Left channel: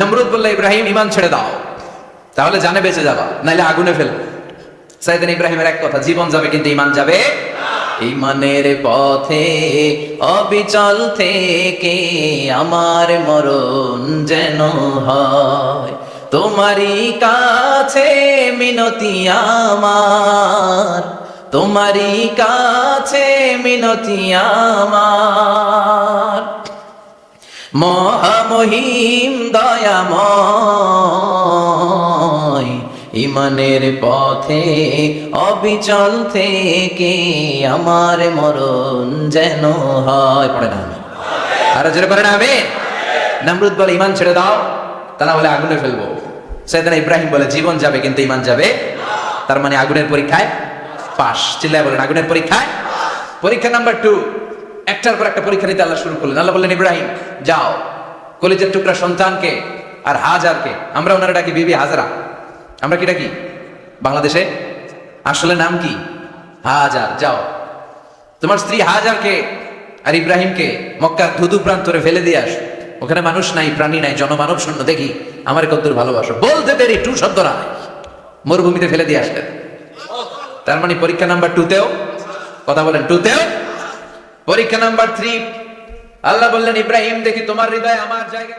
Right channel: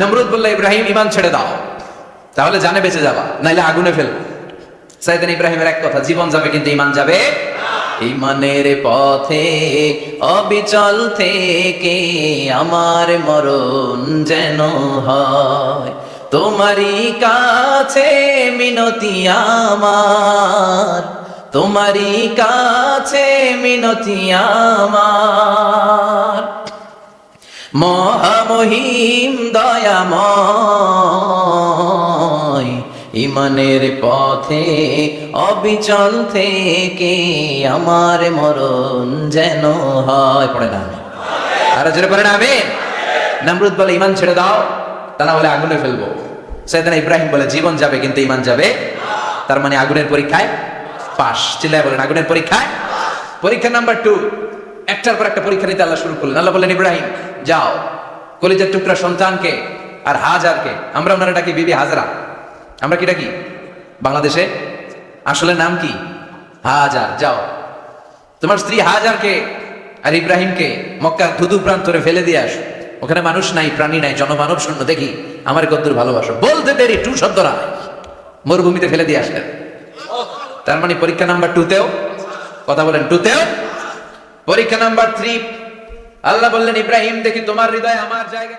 নমরুদ বলল, ইব্রাহিম ঈমান ছেড়ে দাও, তাহলে জানে বেঁচে যাবা, নাইলে আগুনে ফেলবে। সাইয়েদনা ইব্রাহিমের এক কথা, জীবন যাবে কিন্তু ঈমান যাবে। ঈমানের পথে অবিচল থেকে আমার মরণ যেন হয়, তোমারই কাছে মিনতি আমার, তোমারই কাছে মিনতি আমার। মহামহিম দয়াময়, ঈমানের পথে অবিচল থেকে আমার মরণ যেন হয়। পড়ে না আরো জোরে পড়ে না আমিন। নমরুদ বলে, ঈমান ছেড়ে দাও, তা না হলে আগুনে ফেলবো। সাইয়েদনা ইব্রাহিম বলে, জীবন যাবে কিন্তু ঈমান যাবে। তার মানে আগুনের পরীক্ষায় পাস। চিল্লায় বলেন, আগুনের পরীক্ষায়। পরীক্ষা নাম্বার 2, একটার পর একটা পরীক্ষা দিতে আল্লাহ শুরু করলেন। আল্লাহ বললেন, ইব্রাহিম যাও, কলিজার টুকরা সন্তানকে আর হাজারকে, আমরা ওনারা ডাকি বিবি হাজরা, আমরা কি ডাকি বাংলাদেশে, আসলে নাম কি হাজার, যাও তোমার স্ত্রী হাজারকে আর ইব্রাহিমকে মক্কার ধুধু প্রান্তরে ফেলে দিয়ে আসো, ওখানে মানুষ নাই, প্রাণী নাই, জনমানব শূন্য, দেখি আমার কদ্দুর ভালোবাসো। বলতে দেরি, টু শব্দ না, মরুভূমিতে ফেলে দিয়ে আসলেন। তার মানে পরীক্ষা নাম্বার 2তেও, কথা বলেন 2তেও। পরীক্ষা নাম্বার 3, আল্লাহ বললেন, ইব্রাহিম দেখি তোমার হৃদয় আমার জায়গা।